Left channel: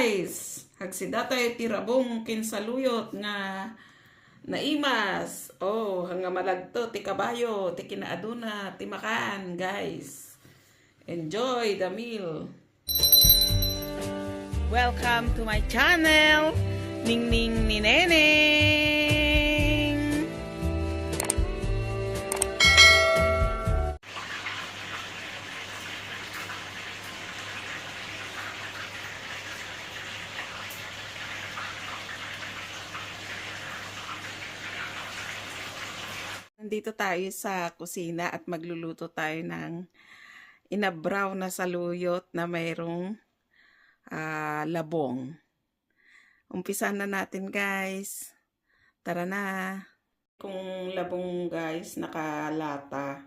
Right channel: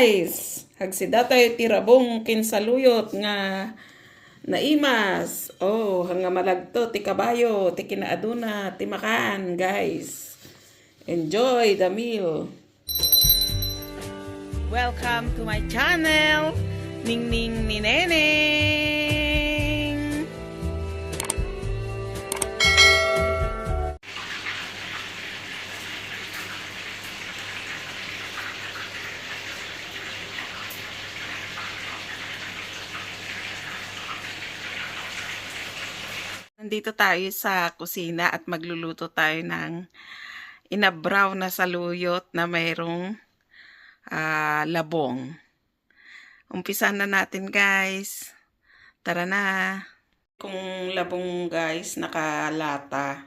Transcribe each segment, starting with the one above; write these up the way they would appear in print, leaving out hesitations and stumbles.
guys, hagsidatay tirabong kinsaluyot nga naimas. Oh, hanga malagto ti kabayo, ti kinaaduna, ti makan, guys. Enjoy the meal. Welcome to my channel, Ningning ni Neneng. Nandito tayo sa kusina at magluluto tayo ng inabraw na saluyot na mayroong labong. Umpisan na natin, guys. Tara na. Kung labong, guys, nakalata.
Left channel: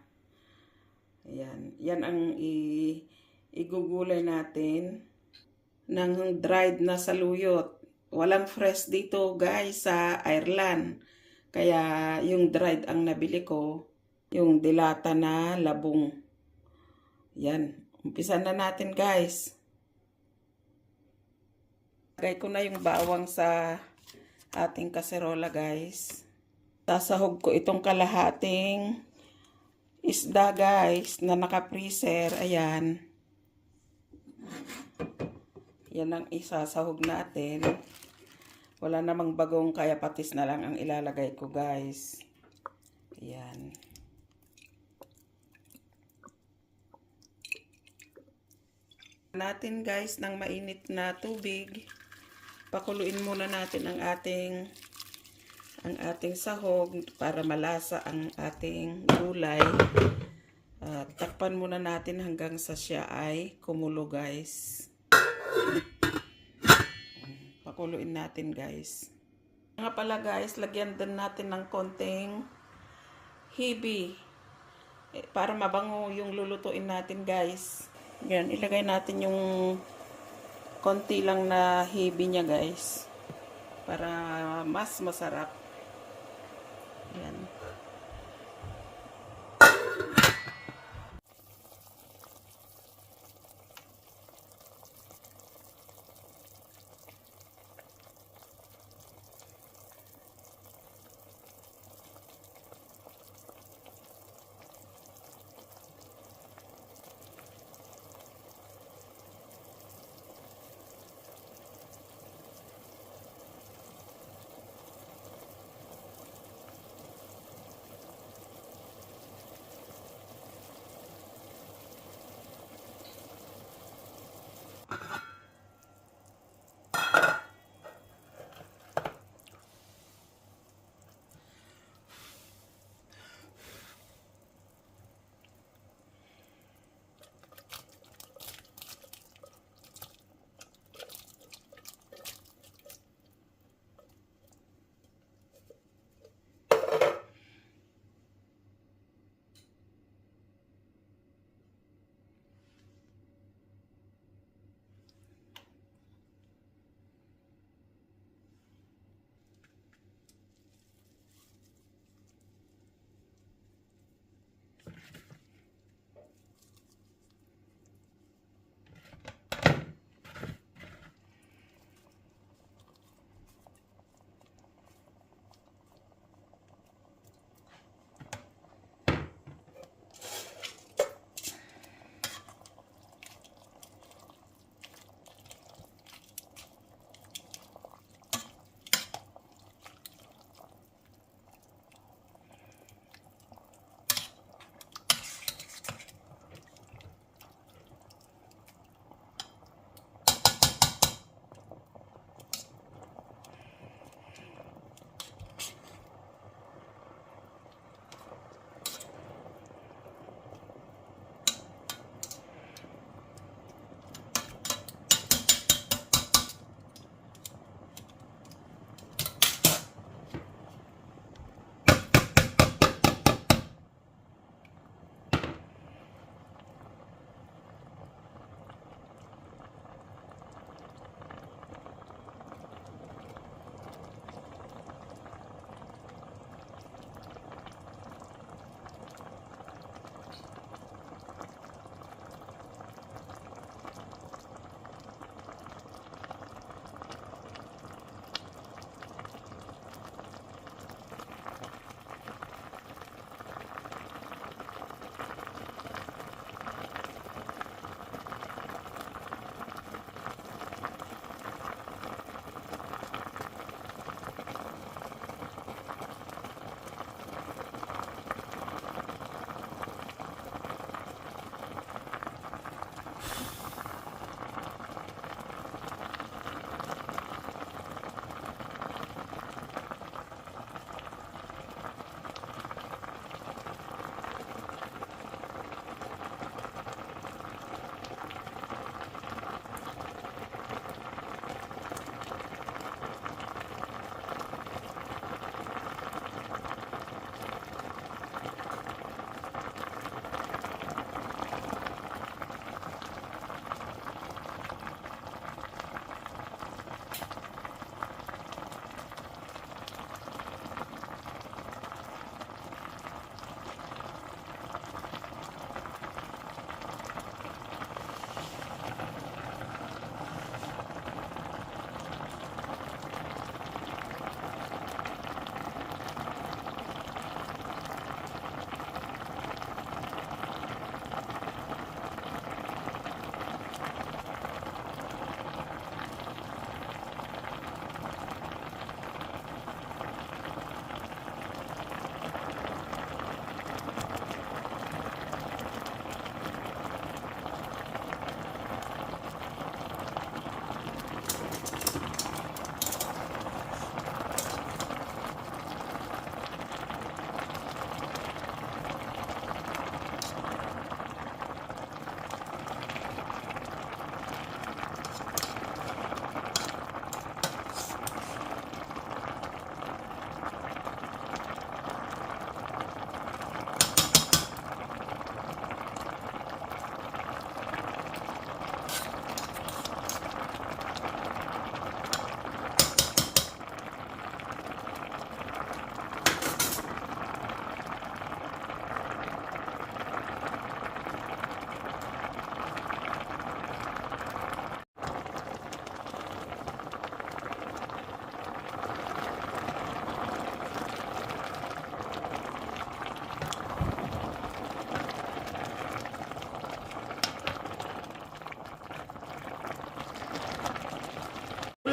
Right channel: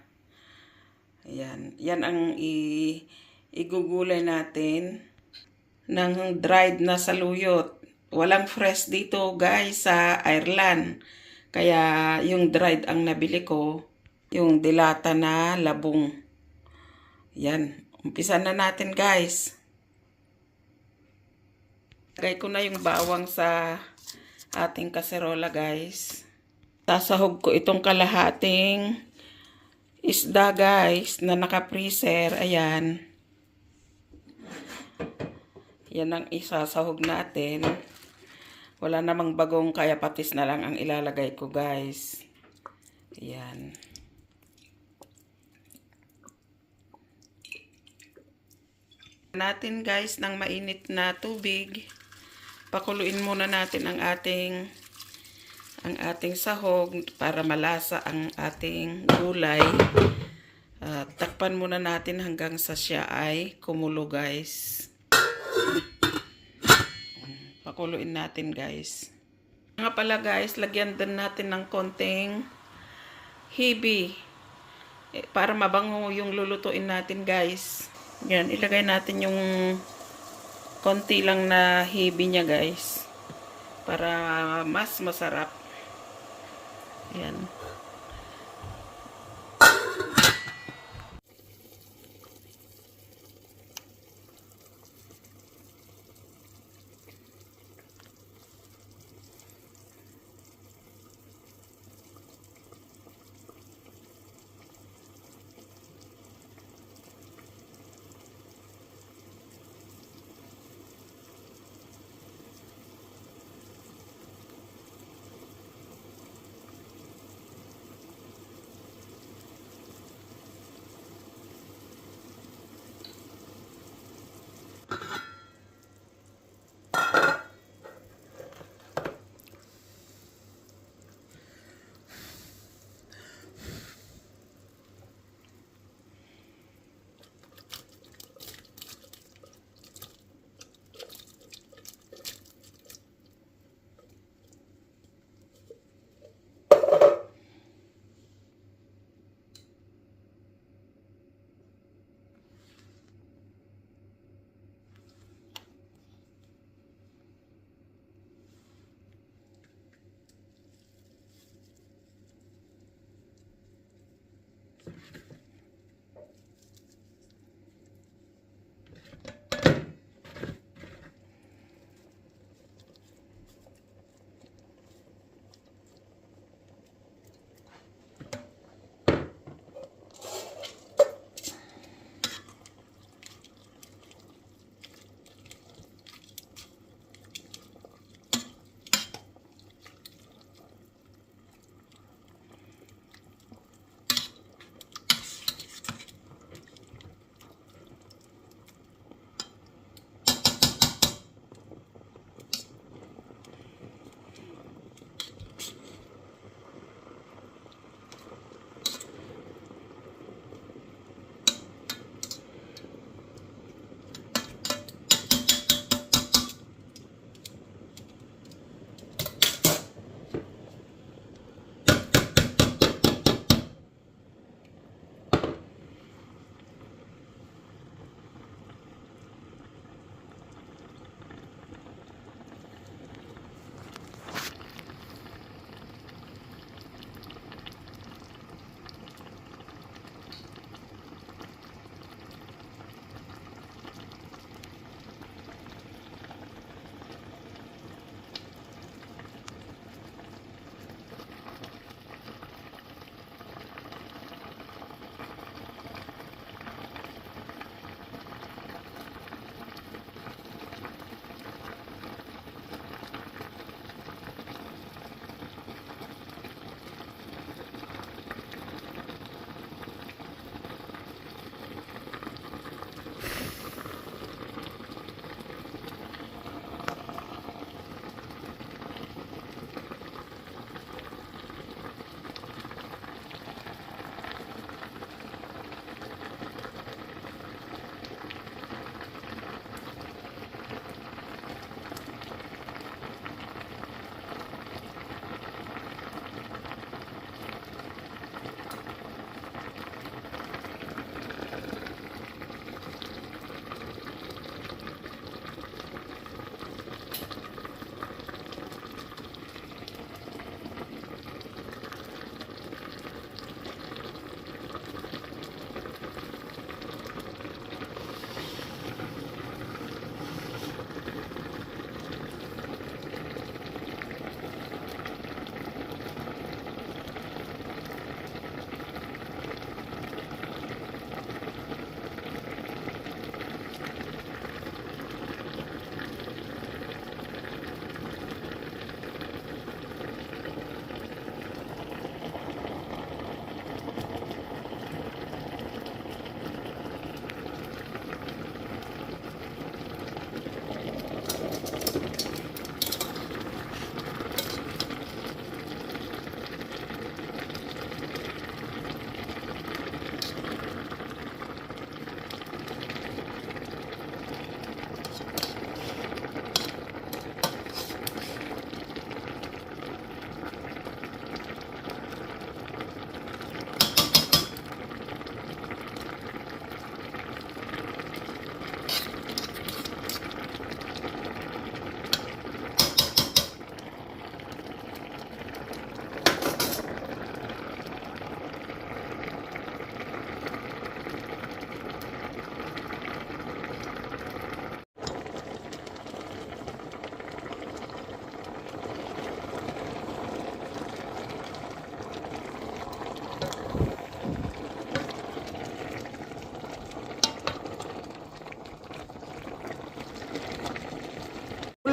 Ayan. Yan ang igugulay natin ng dried na saluyot. Walang fresh dito, guys, sa Ireland. Kaya yung dried ang nabili ko, yung dilata na labong. Yan. Umpisan na natin, guys. Lagay ko na yung bawang sa ating kaserola, guys. Sasahog ko itong kalahating isda, guys, na naka-freezer. Ayan. Yan ang isasahog natin. Wala namang bagong kaya patis na lang ang ilalagay ko, guys. Ayan. Natin, guys, ng mainit na tubig. Pakuluin muna natin ang ating sahog para malasa ang ating gulay. Takpan muna natin hanggang sa siya ay kumulo, guys. Pakuluin natin, guys. Nga pala, guys, lagyan din natin ng konting hibi para mabango yung lulutuin natin, guys. Yan, ilagay natin yung konti lang na hibi niya, guys, para mas masarap. Yan.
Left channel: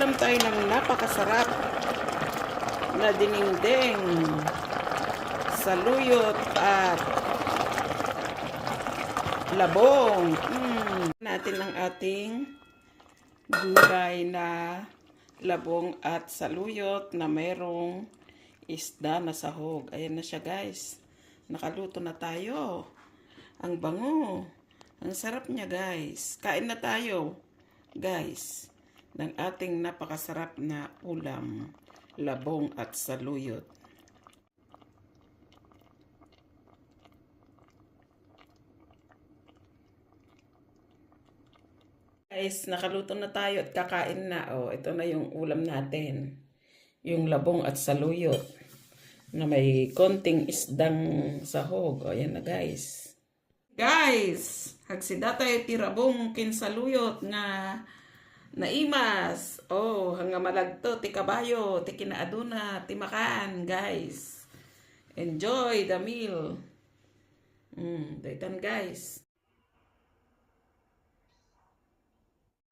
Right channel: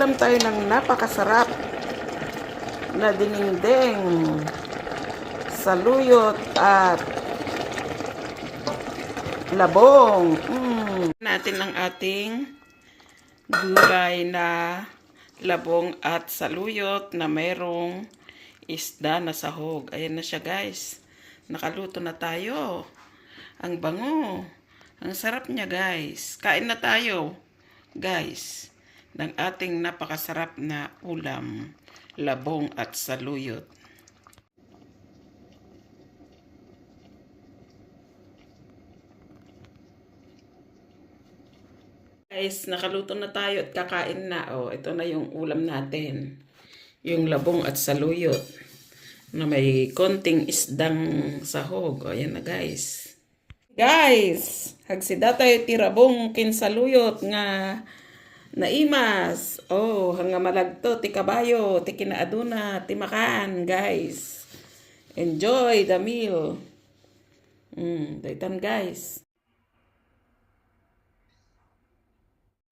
Mag-uulam tayo ng napakasarap na dinengdeng, saluyot at labong. Natin ang ating gulay na labong at saluyot na mayroong isda na sahog. Ayan na siya guys. Nakaluto na tayo. Ang bango. Ang sarap niya guys. Kain na tayo guys ng ating napakasarap na ulam, labong at saluyot. Guys, nakaluto na tayo at kakain na. Oh, ito na yung ulam natin. Yung labong at saluyot na may konting isdang sahog. O, yan na guys. Guys, hagsida tayo tirabong kinsaluyot nga naimas. Oh, hanga malagto, ti kabayo, ti kinaaduna, ti makan, guys. Enjoy the meal. Daitan guys.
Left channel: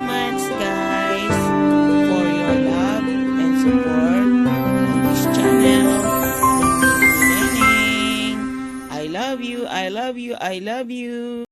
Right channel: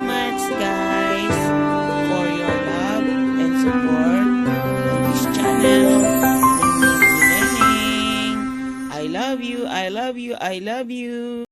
Much guys for your love and support on this channel. I love you, I love you, I love you.